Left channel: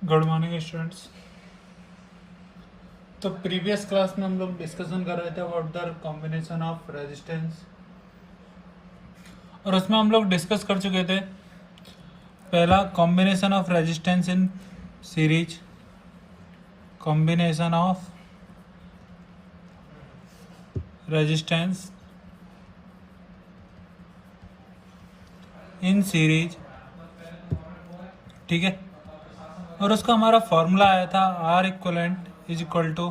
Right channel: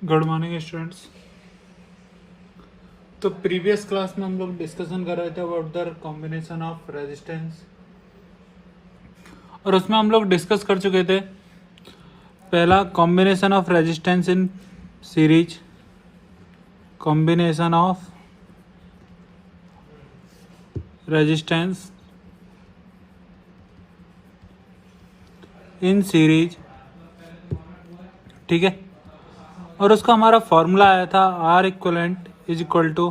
Good morning students. तो previous class में हम लोग डिस्कशन कर रहे थे about the combination of resistance, और उसमें हम लोग डिस्कस कर चुके थे पहला combination of resistance in series, combination of resistance in series, ठीक है। और उसका हमारा फॉर्मूला आया था R equivalent is equal to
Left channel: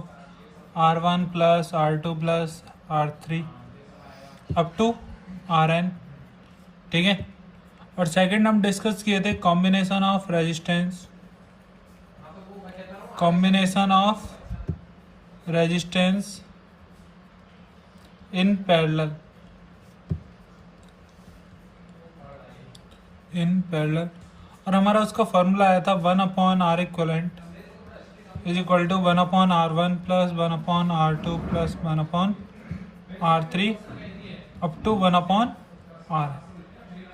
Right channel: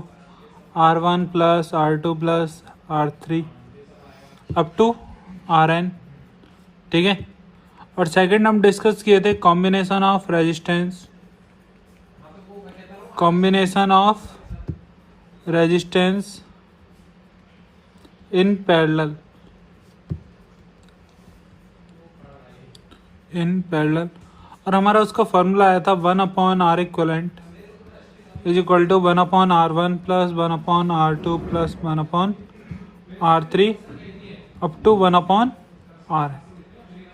R1 plus R2 plus R3 up to Rn, ठीक है। और सेकंड हम डिस्कस किए थे combination of resistance, combination of resistance in parallel, और हमारा उसका फॉर्मूला आया था 1/R equivalent is equal to 1/R1 plus 1/R2 plus 1/R3 up to 1/R।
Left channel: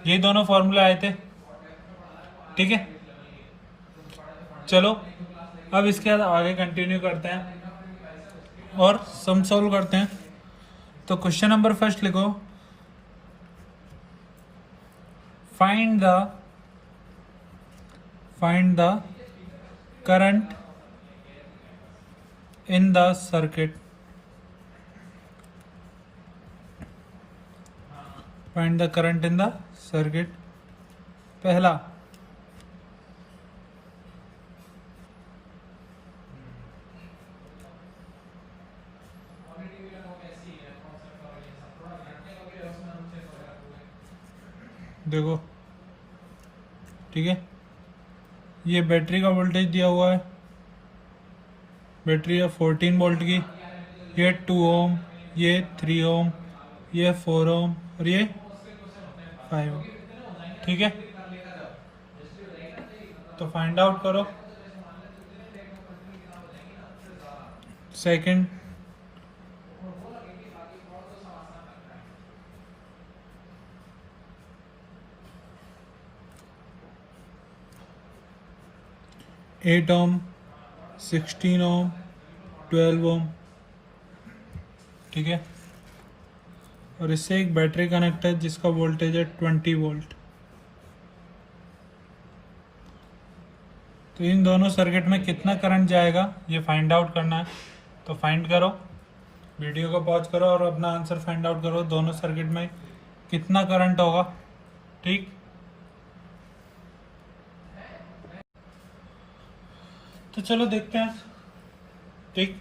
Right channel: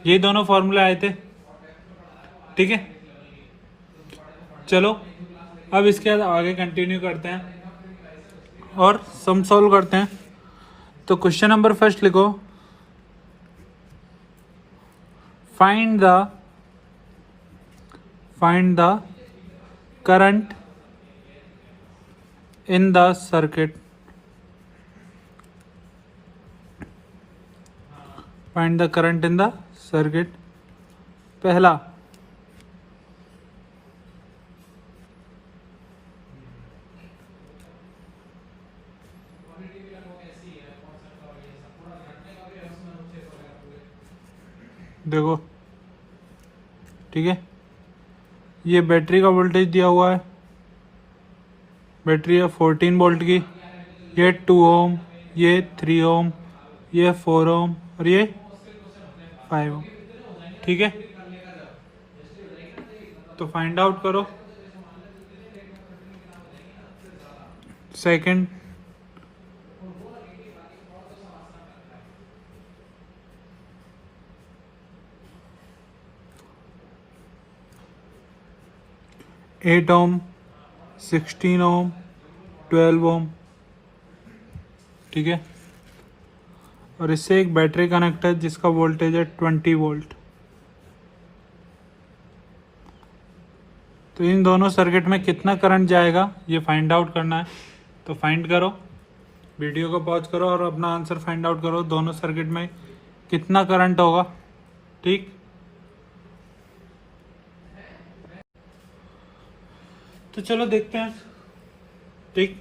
ये दोनों फॉर्मूले आए थे, ठीक है। चलो अब इसके बाद आगे कंटिन्यू करते हैं और सम सॉल्व करते हैं। तो क्वेश्चन नंबर फर्स्ट लिखो, find the current in the circuit, find the current in the circuit. पहला देखो, ठीक है, ये बैटरी का वोल्टेज दिया हुआ है, बैटरी है 14 वोल्ट की, ये 2 ओम, ये 3 ओम, ये 4 ओम और ये 5 ओम, ठीक है। तो फाइंड आउट करो सेकंड। एट ओम, 16 ओम, 12 ओम, ठीक है। और इससे एक बैटरी कनेक्ट है जिसका वोल्टेज है 20 वोल्ट। तो इन दोनों सर्किट में कितना करंट जाएगा ये फाइंड आउट करना है। तो फाइंड करो, वीडियो को पॉज करो और अपना आंसर फाइंड आउट करो, दोनों सर्किट में कितना करंट होगा, ठीक। तो चलो देखते हैं, ठीक।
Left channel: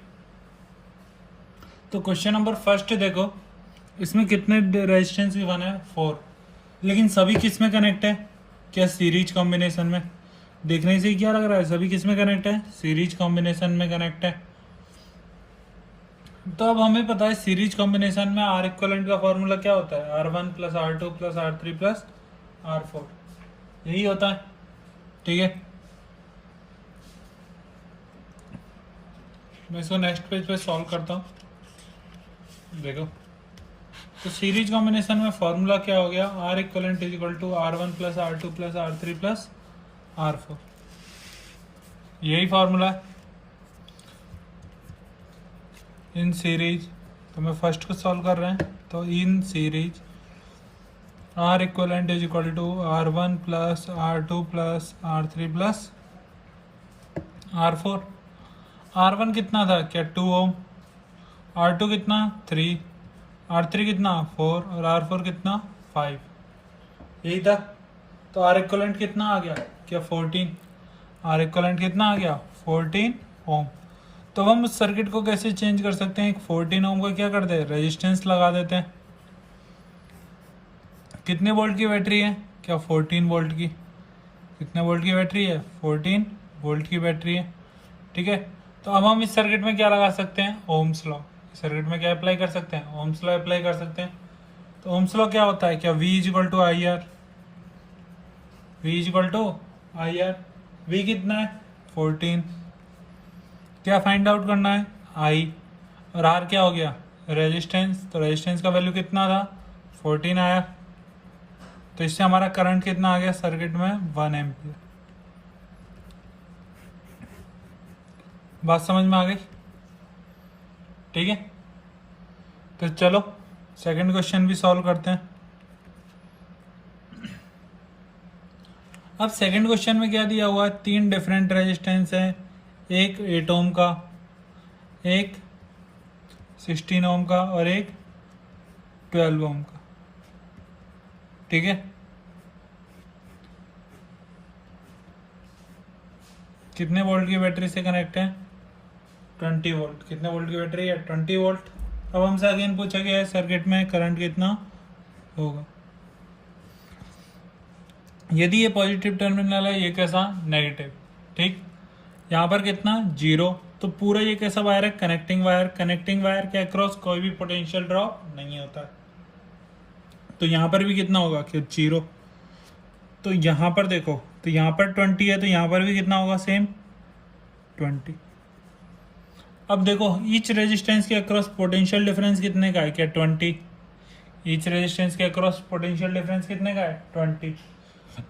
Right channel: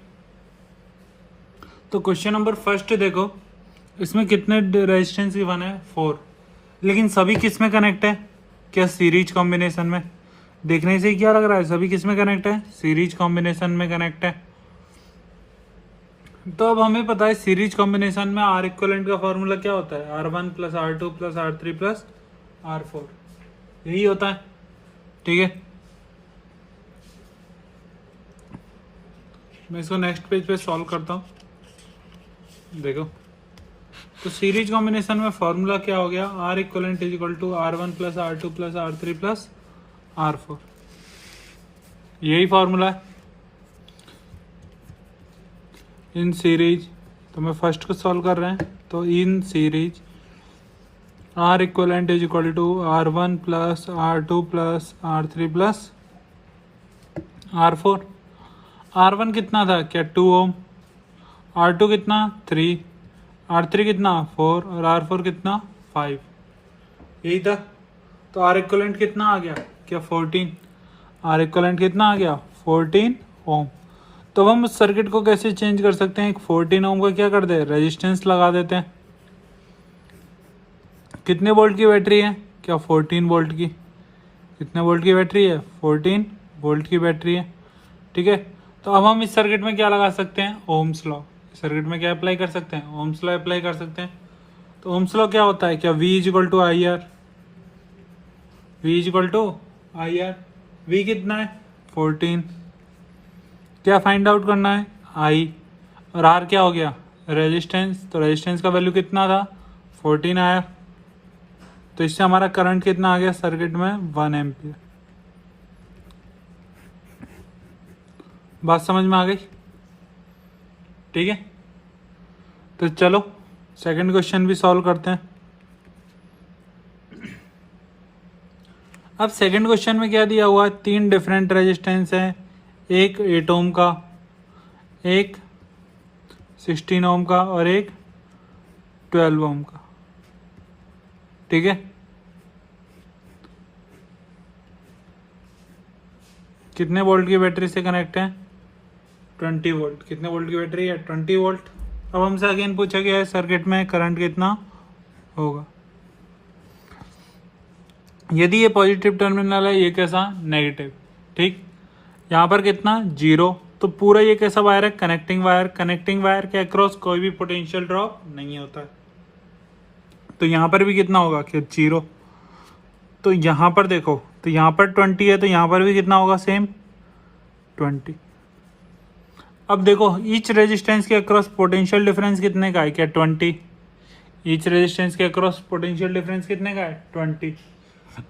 तो क्वेश्चन नंबर फर्स्ट देखो, इसमें कितने रेजिस्टेंस की बने, 4, लेकिन सभी किस में कनेक्ट है, क्या सीरीज कॉम्बिनेशन में। देखने से ही क्या लग रहा है, सभी किस में कनेक्ट है, सीरीज कॉम्बिनेशन में कनेक्ट है। तो अब हमें पता है सीरीज कॉम्बिनेशन में आर इक्वलेंट का फॉर्मूला क्या होता है, R1 plus R2 plus R3 plus R4, यही होता है, ठीक है। मैं इसको नेक्स्ट पेज पे सॉल्व करता हूँ, देखो। तो सीरीज कॉम्बिनेशन में फॉर्मूला क्या हो गया, R equivalent is equal to R1 plus R2 plus R3 plus R4, यही फॉर्मूला है इन सीरीज। तो मैं फर्स्ट को सॉल्व कर रहे हैं, तो in series R equivalent is equal to R1 plus R2 plus R3 plus R4। R1 कितना था, क्या 2 ओम, R2 कितना 3, R3 कितना 4 और R4 कितना 5, यही था। तो आर इक्वलेंट कितना आ गया, क्या 14, आर इक्वलेंट कितना आ गया 14 ओम। तो हम उस सर्किट को कैसे चेंज कर सकते हैं, एक 14 ओम को क्या कर दे, रेजिस्टेंस लगा देते हैं। कितने वोल्ट की बैटरी है, क्या 14 वोल्ट की, कितने वोल्ट की बैटरी है, 14 वोल्ट की बैटरी है, ठीक है। तो अब हम इस सर्किट में क्या लगा सकते हैं, ओम्स लॉ। सर्किट में क्या अप्लाई कर सकते हैं, ओम्स लॉ अप्लाई कर सकते हैं। तो ओम्स लॉ क्या होता है, क्या V is equal to I R, V is equal to I R. V कितना है 14, क्या फाइंड आउट करना है I, और R क्या हो गया रेजिस्टेंस। तो रेजिस्टेंस का वैल्यू कितना था 14 आया। तो इससे हमारा करंट कितना आ गया सर्किट में, 1 एम्पियर। बात समझ में आ गई? ठीक है, तो चलो सेकंड क्वेश्चन भी सॉल्व करते हैं। अब सेकंड क्वेश्चन में क्या दिया हुआ है, 3 डिफरेंट रेजिस्टेंस है, एक 8 ओम का, एक 16 ओम का और एक 12 ओम का। ठीक है, कितने वोल्ट की बैटरी से कनेक्ट है? 20 वोल्ट। कितने वोल्ट की बैटरी है? 20 वोल्ट। अब हमसे अगेन पूछा गया है सर्किट में करंट कितना होगा। यदि ये पॉजिटिव टर्मिनल है, ये कैसा? नेगेटिव। ठीक, यहाँ पर कितना? 0। तो पूरा ये कैसा वायर है? Connecting wire. कनेक्टिंग वायर के अक्रॉस कोई भी पोटेंशियल ड्रॉप नहीं होता है, तो यहाँ पर भी कितना होगा? कि 0। तो यहाँ पर देखो, तो यहाँ पर 20 है, तो यहाँ पर भी कितना होगा? सेम 20। अब देखो ईच रेजिस्टेंस के अक्रॉस पोटेंशियल डिफरेंस कितने का है? क्या 20? ईच रेजिस्टेंस के अक्रॉस पोटेंशियल डिफरेंस कितने का है? 20।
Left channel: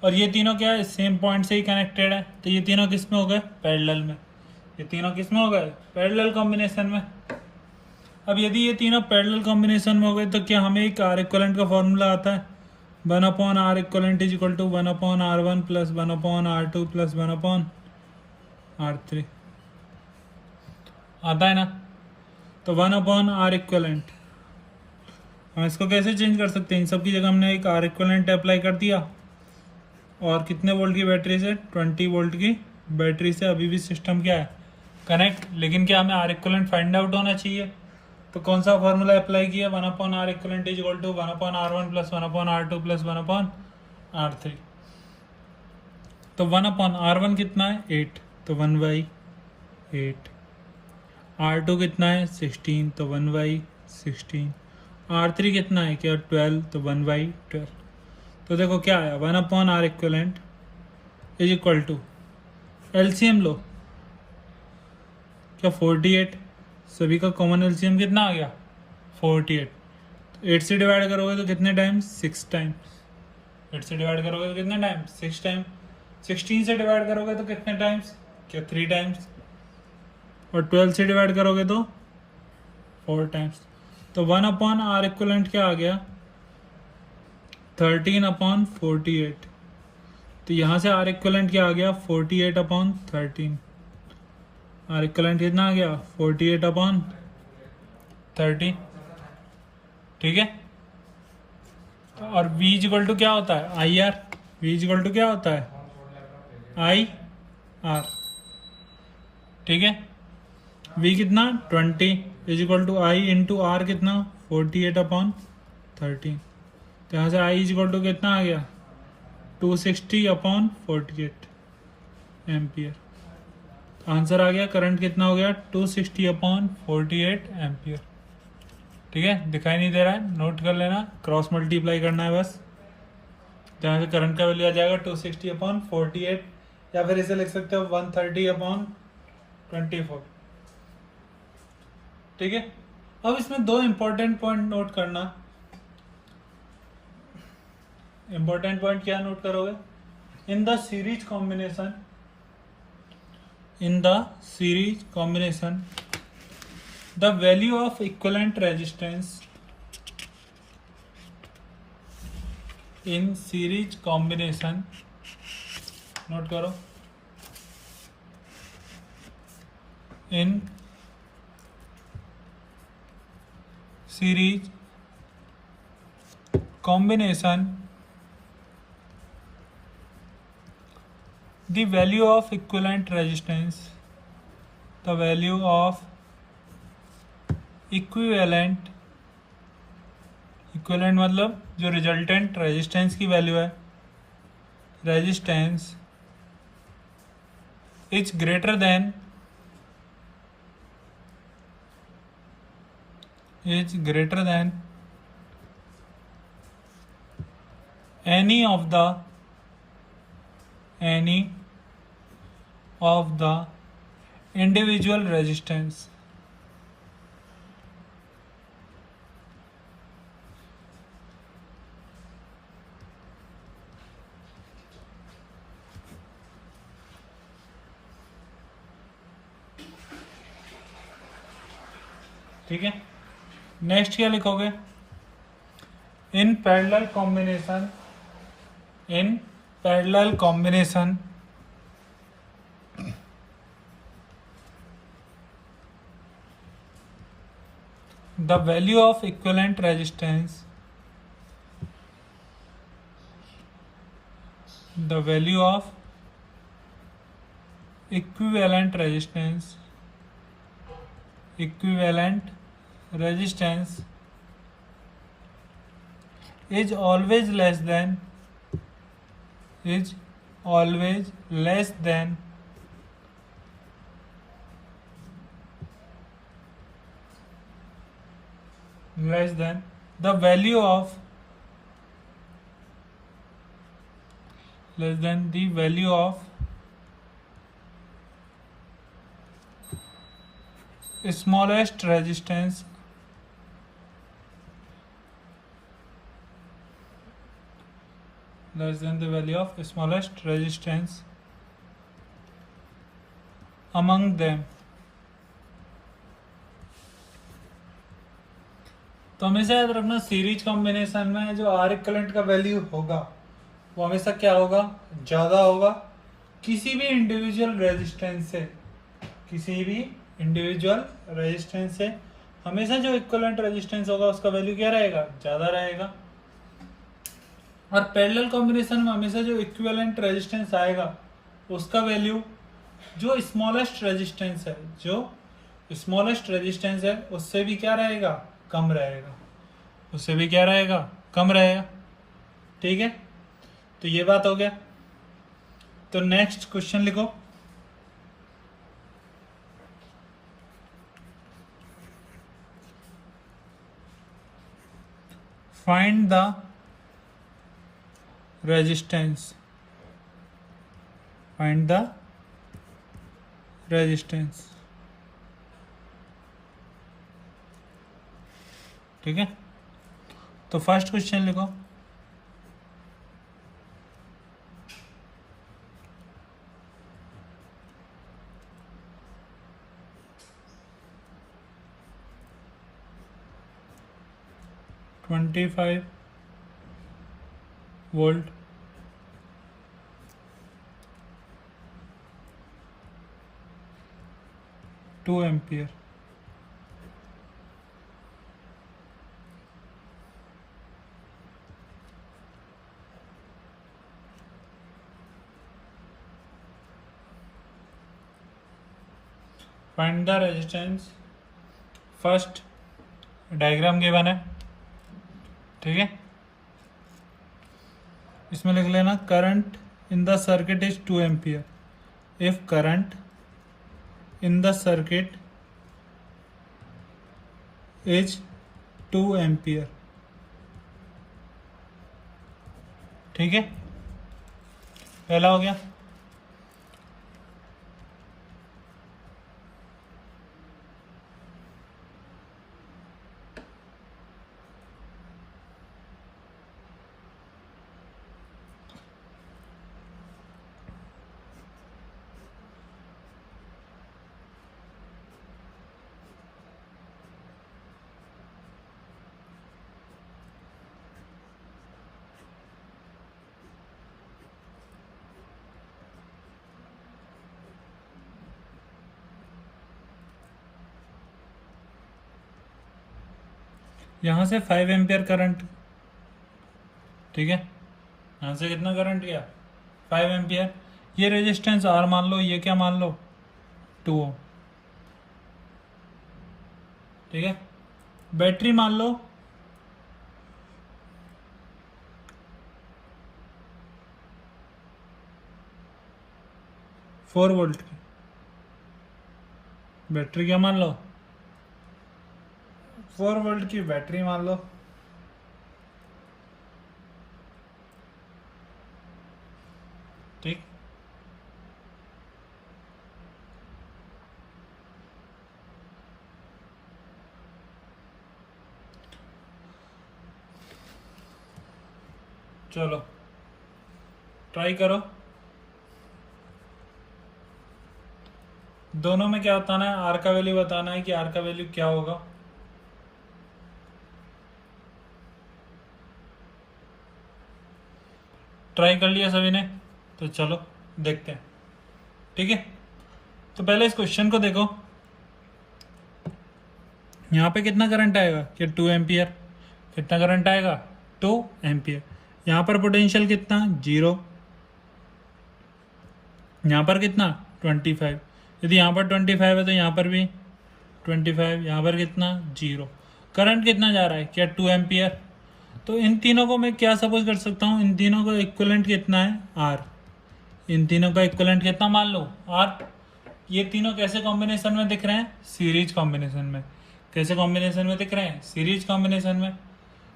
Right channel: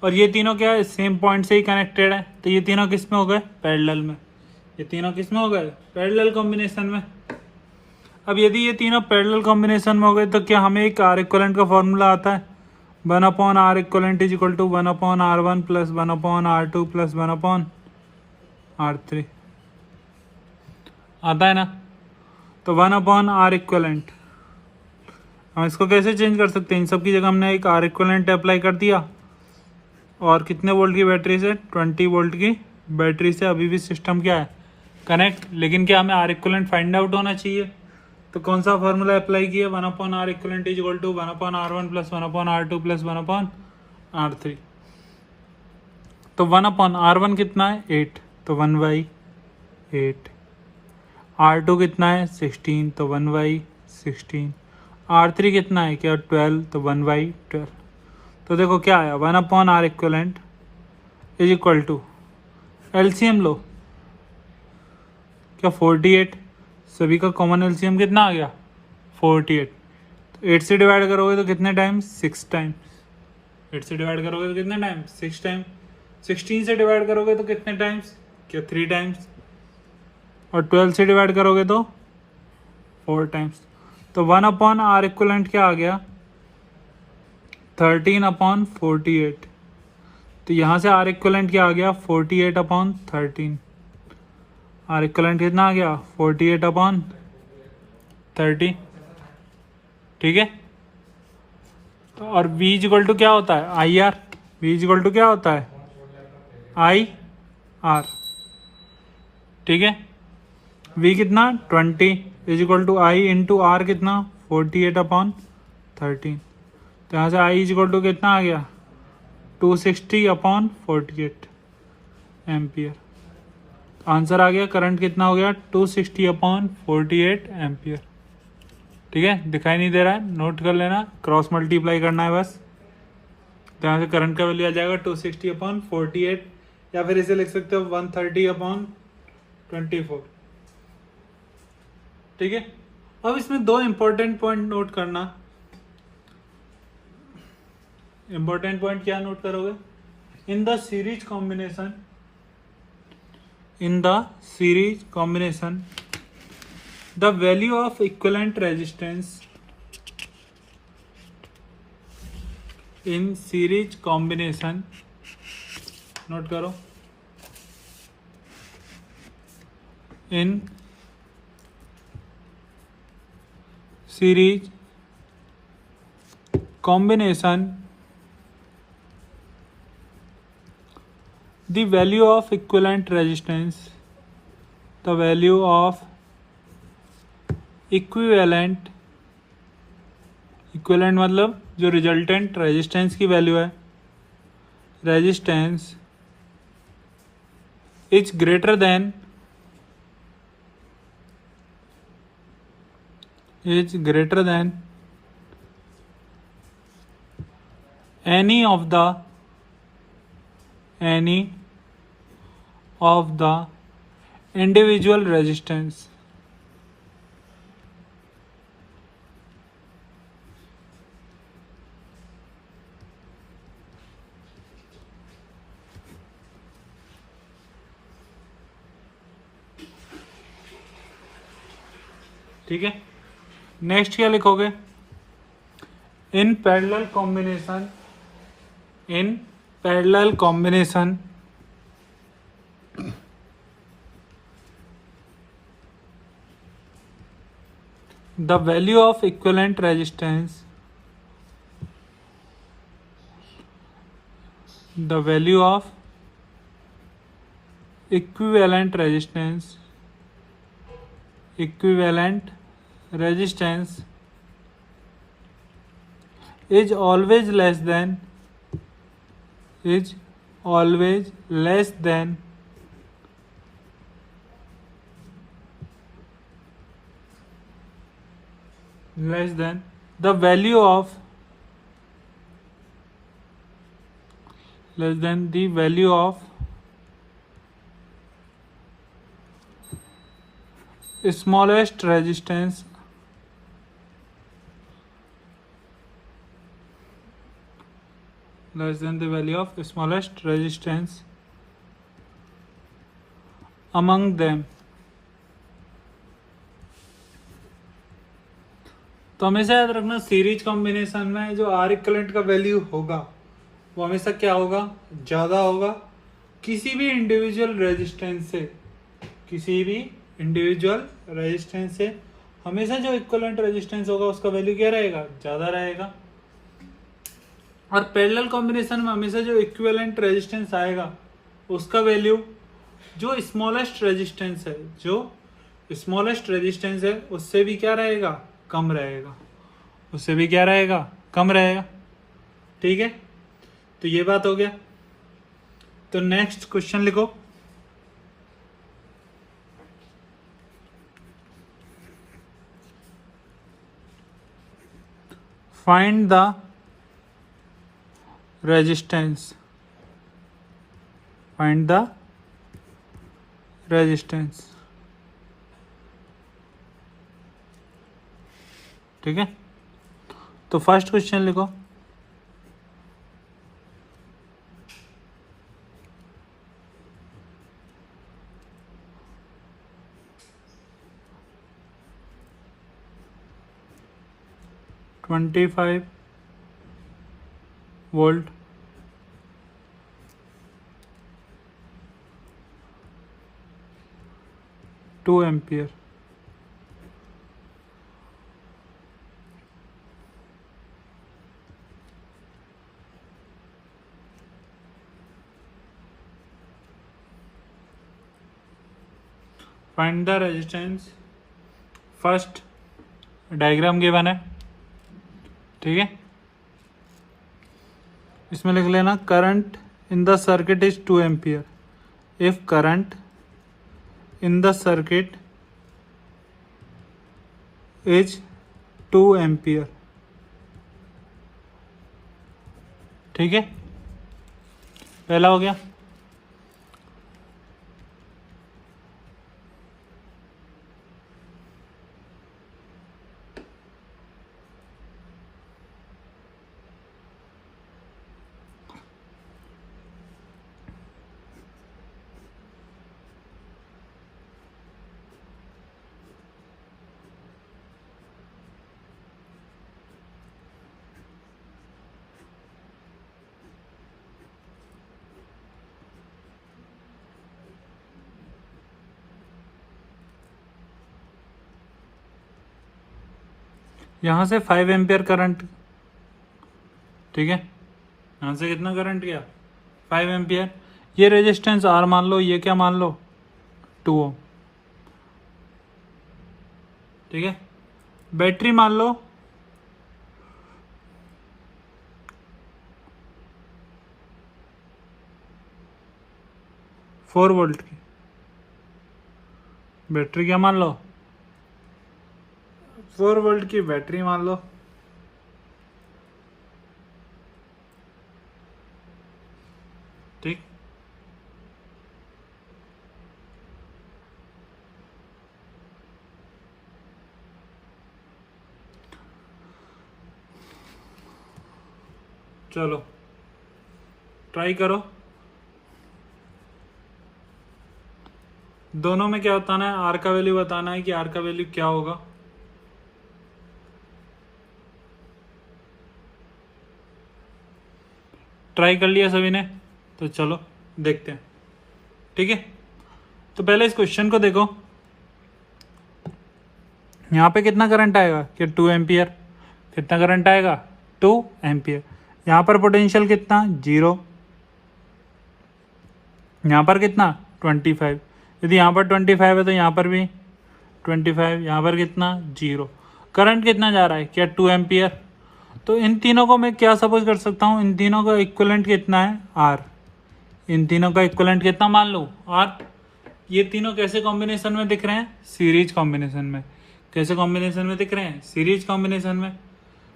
और ये तीनों क्या है? सेम पॉइंट से ही कनेक्टेड है, तो ये तीनों किस में हो गए? पैरेलल में। ये तीनों किस में हो गए? पैरेलल कॉम्बिनेशन में। अब यदि ये तीनों पैरेलल कॉम्बिनेशन में हो गए, तो क्या हमें एक आर इक्वलेंट का फॉर्मूला आता है? 1/r equivalent is equal to 1/r1 plus 1/r2 plus 1/r3। आता है ना? तो 1/r इक्वलेंट हम इसको कैसे चेंज कर सकते हैं? इन सब की जगह हमने एक आर इक्वलेंट अप्लाई कर दिया, और कितने वोल्ट की बैटरी से? 20 वोल्ट की बैटरी से अभी भी सिस्टम क्या है? कनेक्ट। लेकिन क्या हमें आर इक्वलेंट फाइंड आउट होना चाहिए, तो कौन सा फॉर्मूला अप्लाई किया? 1/r equivalent is equal to 1/r1 plus 1/r2 plus 1/r3। तो 1/r1 कितना है? 8, तो 1/8। R2 कितना है? 16, तो 1/16। R3 कितना है? क्या 12, तो 1/12। तो देखो क्या आया? 1/r equivalent is equal to, LCM लो, क्या 48। सभी का कॉमन एलसीएम कितना आ गया? 48। तो 8 से डिवाइड करोगे तो कितने टाइम्स? 6 टाइम्स। 8 से डिवाइड करोगे तो कितने टाइम्स? 6 टाइम्स। 16 से डिवाइड करोगे तो कितने टाइम्स? क्या 3 टाइम्स। और 12 से डिवाइड करोगे तो 4 टाइम्स। तो 1/r इक्वलेंट क्या आ गया? 13/48। तो यहाँ से आर इक्वलेंट क्या आ गया? 48/13। आर इक्वलेंट कितना आ गया? 48/13। ठीक है, तो और V इक्वल टू क्या होता है? I R. V equal to क्या होता है? I R. ठीक है, V कितना? 20 is equal to I into R कितना? 48/13। तो यहाँ से I इज इक्वल टू कितना आ गया? 260/48 एम्पियर। आंसर आ गया, करंट कितना हो गया? 260/48 एम्पियर। ठीक है, दिखाई नहीं दे रहा है, नोट कर लेना, क्रॉस मल्टीप्लाई करना है बस। तो यहाँ से करंट का वैल्यू आ जाएगा 260/48, या फिर इसे लिख सकते हो 130/24। ठीक है, अब इसमें 2 इंपॉर्टेंट पॉइंट नोट करना। इंपॉर्टेंट पॉइंट क्या नोट करोगे? In the series combination the value of equivalent resistance in series combination, note करो, in series combination the value of equivalent resistance, the value of equivalent मतलब जो resultant resistance की value है, resistance is greater than any of the individual resistance. ठीक है। Next क्या लिखोगे? In parallel combination, in parallel combination the value of equivalent resistance, the value of equivalent resistance, equivalent resistance is always less than, is always less than the value of, less than the value of smallest resistance, less than the value of smallest resistance among them। तो हमेशा याद रखना series combination में जो are equivalent का value होगा वो हमेशा क्या होगा? ज्यादा होगा किसी भी इंडिविजुअल रेजिस्टेंस से, किसी भी इंडिविजुअल रेजिस्टेंस से हमेशा जो इक्विवेलेंट रेजिस्टेंस होगा उसका वैल्यू क्या रहेगा? ज्यादा रहेगा। और पैरेलल कॉम्बिनेशन में हमेशा जो इक्विवेलेंट रेजिस्टेंस आएगा उसका वैल्यू जो स्मॉलेस्ट रेजिस्टेंस है, जो स्मॉलेस्ट रेजिस्टेंस है उससे भी क्या रहेगा? कम रहेगा, उससे भी क्या रहेगा? कम रहेगा। ठीक है, तो ये बात हो गया। तो नेक्स्ट क्वेश्चन लिखो। Find the resistance, find the resistance. ठीक है, तो फर्स्ट क्वेश्चन लिखो। $25 volt, 2 ampere। Find the resistance. First diagram given है, ठीक है। इसमें लिख लेना current in the circuit is 2 ampere. If current in the circuit is 2 ampere. ठीक है, पहला हो गया। यहां से 5 एम्पियर करंट, ठीक है। यहां से कितना करंट गया? 5 एम्पियर। ये रेजिस्टेंस आर मान लो, ये क्या मान लो? 2 ओम। ठीक है, बैटरी मान लो 4 वोल्ट की। बैटरी क्या मान लो? 4 वोल्ट की बैटरी मान लो। ठीक, चलो ट्राई करो। दोनों में क्या बताना है? आर का वैल्यू बताना है कि आर का वैल्यू क्या होगा। ट्राई कर लिया सभी ने, तो चलो देखते हैं। ठीक है, तो पहले इस क्वेश्चन को देखो। यहाँ पे कितना करंट आएगा कि 2 एम्पियर। कितना करंट आएगा? 2 एम्पियर। यहाँ पर पोटेंशियल कितना? 0। यहाँ पर कितना? 25। यदि यहाँ पर 25 है तो यहाँ पर भी 25। यहाँ पर कितना? 0। करंट कितना जा रहा है? क्या 2 एम्पियर। तो इन तीनों को मैं क्या सपोज कर सकता हूँ? इन तीनों का इक्विवेलेंट कितना है? आर। इन तीनों का इक्विवेलेंट कितना मान लो? आर। ये तीनों कैसे कॉम्बिनेशन में दिख रहे हैं? सीरीज कॉम्बिनेशन में। कैसे कॉम्बिनेशन में दिख रहे हैं? सीरीज कॉम्बिनेशन में।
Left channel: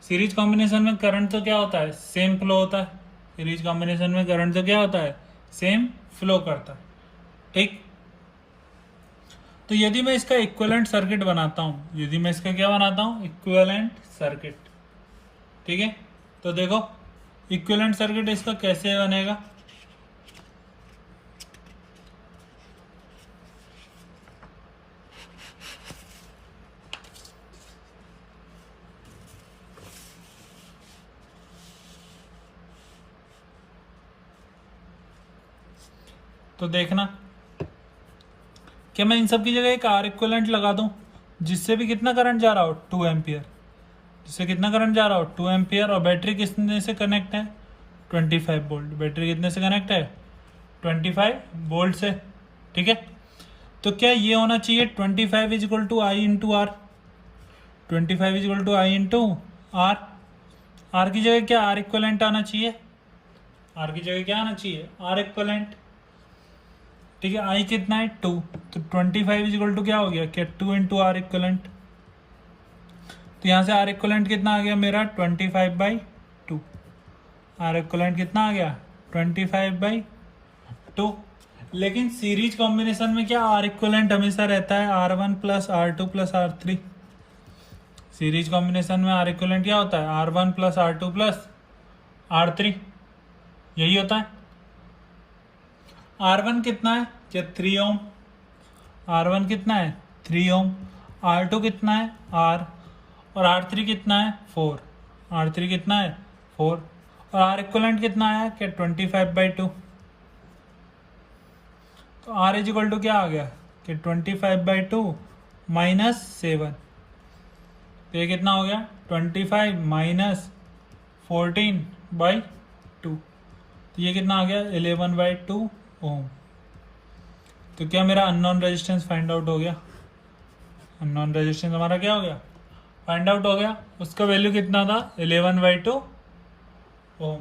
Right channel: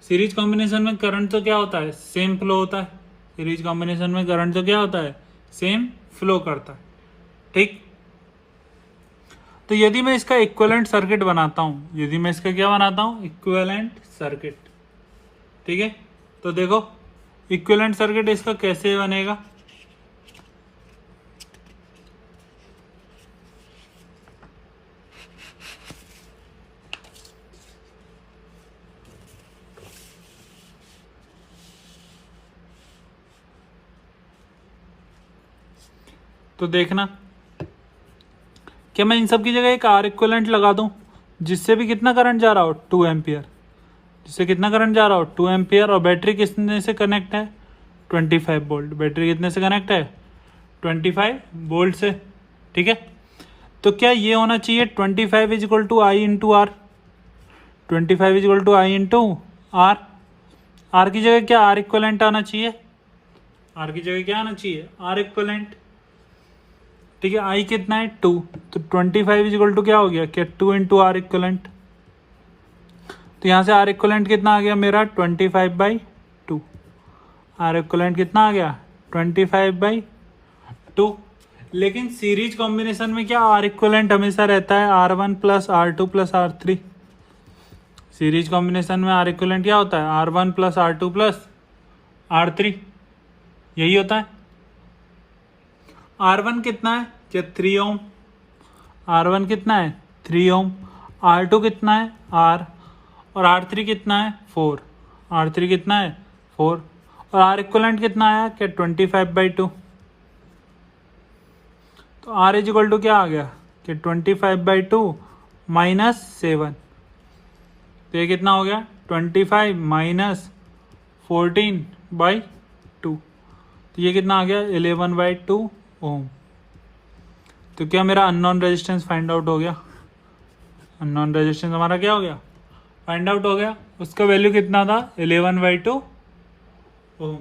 सीरीज कॉम्बिनेशन में करंट तो क्या होता है? सेम फ्लो होता है। सीरीज कॉम्बिनेशन में करंट तो क्या होता है? सेम फ्लो करता है। ठीक, तो यदि मैं इसका इक्विवेलेंट सर्किट बनाता हूं, यदि मैं इसका क्या बनाता हूं? Equivalent circuit. ठीक है, तो देखो इक्विवेलेंट सर्किट इसका कैसे बनेगा। तो देखना, क्या मैं इन सब की जगह एक आर इक्विवेलेंट लगा दूं, जिससे भी कितना करंट जा रहा हो? 2 एम्पियर। जिससे कितना करंट जा रहा हो? 2 एम्पियर। और बैटरी कितने से कनेक्ट है? 25 वोल्ट। बैटरी कितने से कनेक्ट है? 25 वोल्ट से। ठीक है, तो क्या ये होना चाहिए 25 is equal to I into R. 25 is equal to I into R. R की जगह क्या आर इक्विवेलेंट आना चाहिए? आर की जगह क्या आना चाहिए? R equivalent. ठीक है, आई कितना है? 2। तो 25 इज इक्वल टू क्या हो गया? क्या 2 इंटू आर इक्विवेलेंट। तो यहां से आर इक्विवेलेंट कितना आ गया मेरा? 25/2। आर इक्विवेलेंट कितना आ गया? 25/2। लेकिन सीरीज कॉम्बिनेशन में क्या आर इक्विवेलेंट हमेशा रहता है? R1 plus R2 plus R3। Series combination में आर इक्विवेलेंट क्या होता है? R1 plus R2 plus R3। यही होता है। R1 कितना है? क्या 3 ओम। R1 कितना है? 3 ओम। R2 कितना है? R। और R3 कितना है? 4। R3 कितना है? 4। और आर इक्विवेलेंट कितना आया? क्या 25/2। तो R इज इक्वल टू क्या आ गया? कि 25/2 माइनस 7। तो ये कितना हो गया? 25 माइनस 14/2। तो ये कितना आ गया? 11/2 ओम। तो क्या मेरा अननोन रेजिस्टेंस फाइंड आउट हो गया? अननोन रेजिस्टेंस हमारा क्या हो गया? फाइंड आउट हो गया। उसका वैल्यू कितना था? 11/2 ओम।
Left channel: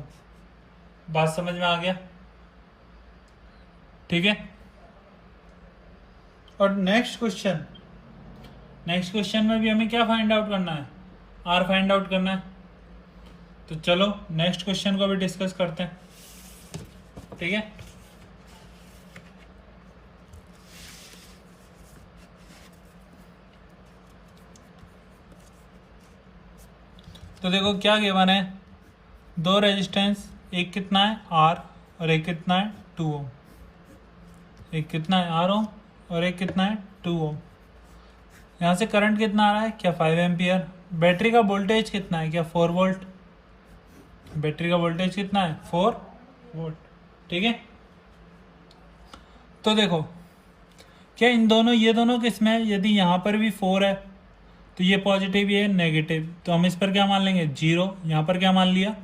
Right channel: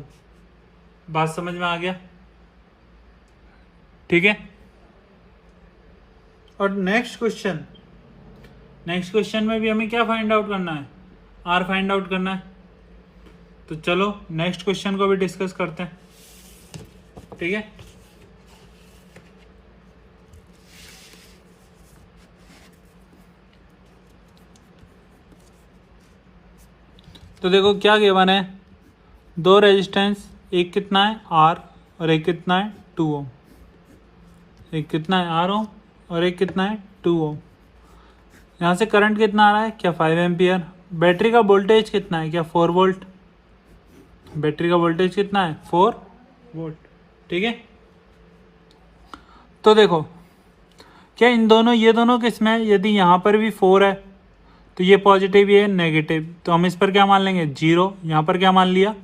बात समझ में आ गया? ठीक है, और नेक्स्ट क्वेश्चन में भी हमें क्या फाइंड आउट करना है? आर फाइंड आउट करना है। तो चलो नेक्स्ट क्वेश्चन को भी डिस्कस करते हैं। ठीक है, तो देखो क्या गिवन है। 2 रेजिस्टेंस, एक कितना है? आर और एक कितना है? 2 ओम। एक कितना है? आर ओम और एक कितना है? 2 ओम। यहाँ से करंट कितना आ रहा है? क्या 5 एम्पियर। बैटरी का वोल्टेज कितना है? क्या 4 वोल्ट। बैटरी का वोल्टेज कितना है? 4 वोल्ट। ठीक है, तो देखो क्या इन दोनों, ये दोनों किसमें है? यदि यहाँ पर भी 4 है तो ये पॉजिटिव, ये नेगेटिव, तो हम इस पर क्या मान लेंगे? 0। यहाँ पर क्या मान लिया?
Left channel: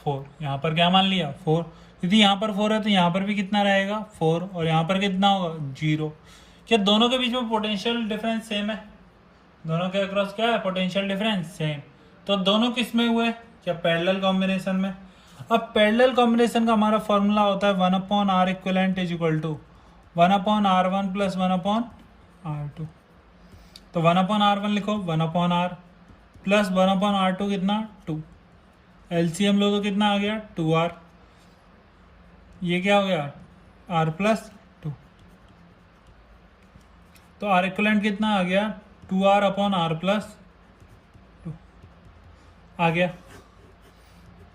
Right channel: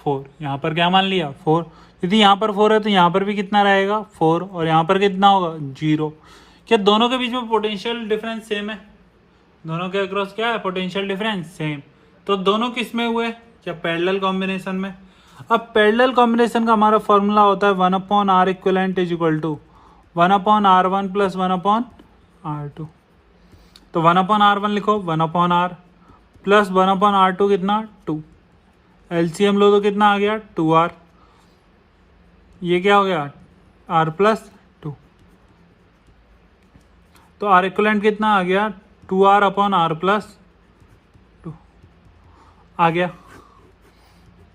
4। यहाँ पर क्या मान लिया? 4। यदि यहाँ पर 4 है तो यहाँ पर भी कितना रहेगा? 4। और यहाँ पर कितना होगा? 0। क्या दोनों के बीच में पोटेंशियल डिफरेंस सेम है? दोनों के अक्रॉस क्या है? Potential difference same. तो दोनों किस में हुए? क्या पैरेलल कॉम्बिनेशन में। अब पैरेलल कॉम्बिनेशन का हमारा फॉर्मूला होता है 1/R equivalent is equal to 1/R1 plus 1/R2। तो 1/R1 लिखो, 1/R प्लस 1/R2 कितना? 2। एलसीएम लो तो कितना आ गया? 2R। ये क्या हो गया? R plus 2। तो आर इक्विवेलेंट कितना आ गया? 2R/R प्लस 2 आ गया।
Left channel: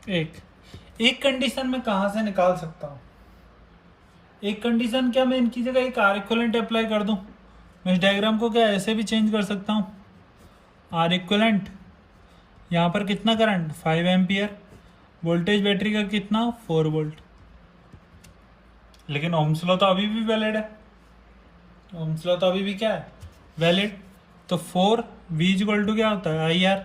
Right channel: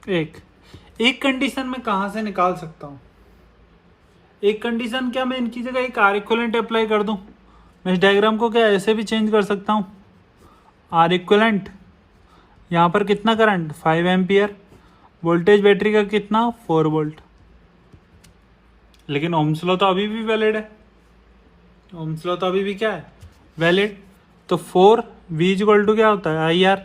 एक कंडीशन में कहां से निकाल सकता हूं? एक कंडीशन क्या मैं इनकी जगह एक आर इक्विवेलेंट अप्लाई कर दूं? मैं इस डायग्राम को क्या ऐसे भी चेंज कर सकता हूं? आर इक्विवेलेंट, यहां पर कितना करंट? 5 एम्पियर वोल्टेज बैटरी का कितना 4 वोल्ट, लेकिन ओम्स लॉ तो अभी भी वैलिड है, ओम्स लॉ तो अभी भी क्या है वैलिड। तो 4 V इक्वल टू क्या होता है आई आर,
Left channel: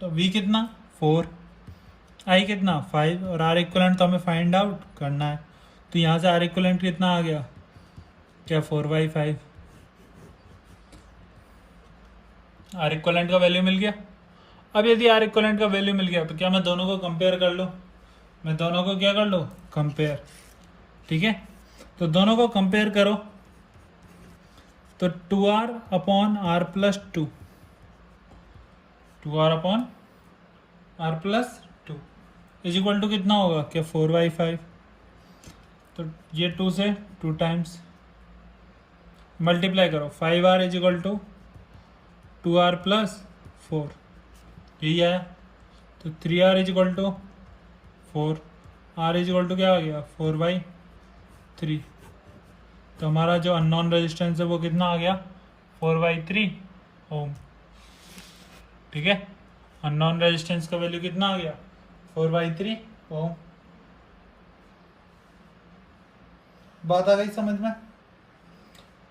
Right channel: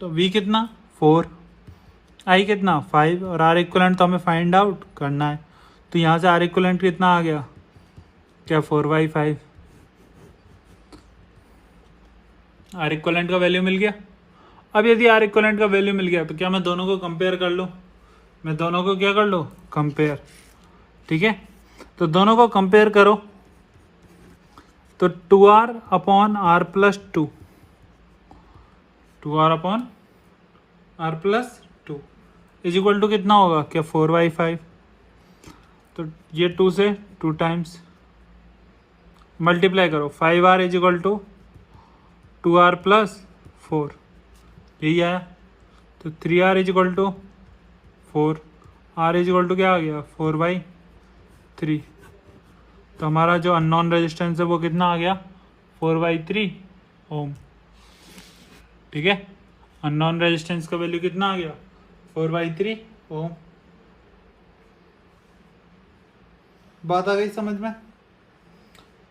तो V कितना 4, I कितना 5 और R इक्वलेंट तो हमें फाइंड आउट करना है। तो यहाँ से R इक्वलेंट कितना आ गया क्या 4/5, R इक्वलेंट का वैल्यू मिल गया। अब यदि R इक्वलेंट का वैल्यू मिल गया तो क्या मैं दोनों को कंपेयर कर लूँ, मैं दोनों को क्या कर लो कंपेयर, ठीक है। तो दोनों को कंपेयर करो तो 2R upon R plus 2, 2R upon R plus 2 is equal to कितना होगा क्या 4/5। तो ये 2 से 2 टाइम्स मल्टीप्लाई करो, 5R is equal to 2R plus 4, यही आया। तो 3R is equal to 4, R is equal to क्या आ गया 4/3। तो हमारा जो अननोन रेजिस्टेंस है वो कितना आ गया 4/3 ओम, ठीक है। अननोन रेजिस्टेंस का वैल्यू कितना आ गया 4/3 ओम। बात आ गई समझ में।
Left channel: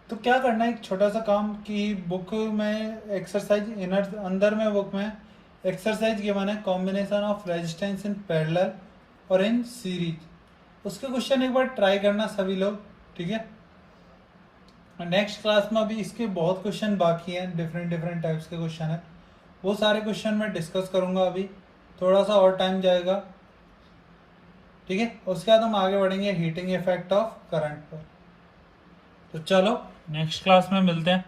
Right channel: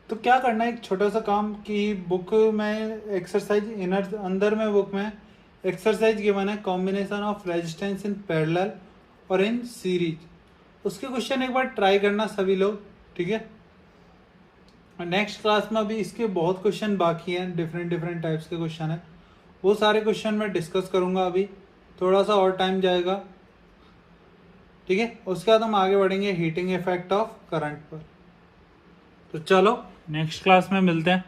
तो क्या करना है, एक छोटा सा काम कि बुक में एक्सरसाइज इनर अंदर में बुक में एक्सरसाइज गिवन है combination of resistance in parallel और इन सीरीज, उसके क्वेश्चन एक बार ट्राई करना सभी लोग, ठीक है। नेक्स्ट क्लास में अभी इसके बहुत क्वेश्चन बाकी हैं, डिफरेंट डिफरेंट टाइप्स के क्वेश्चन है, वो सारे क्वेश्चन मैं डिस्कस करूंगा। अभी थोड़ा सा और टाइम जाएगा, ठीक है। उसके बाद हम आगे बढ़ेंगे हीटिंग इफेक्ट ऑफ करंट पर। तो चलो नेक्स्ट क्लास में मिलते हैं।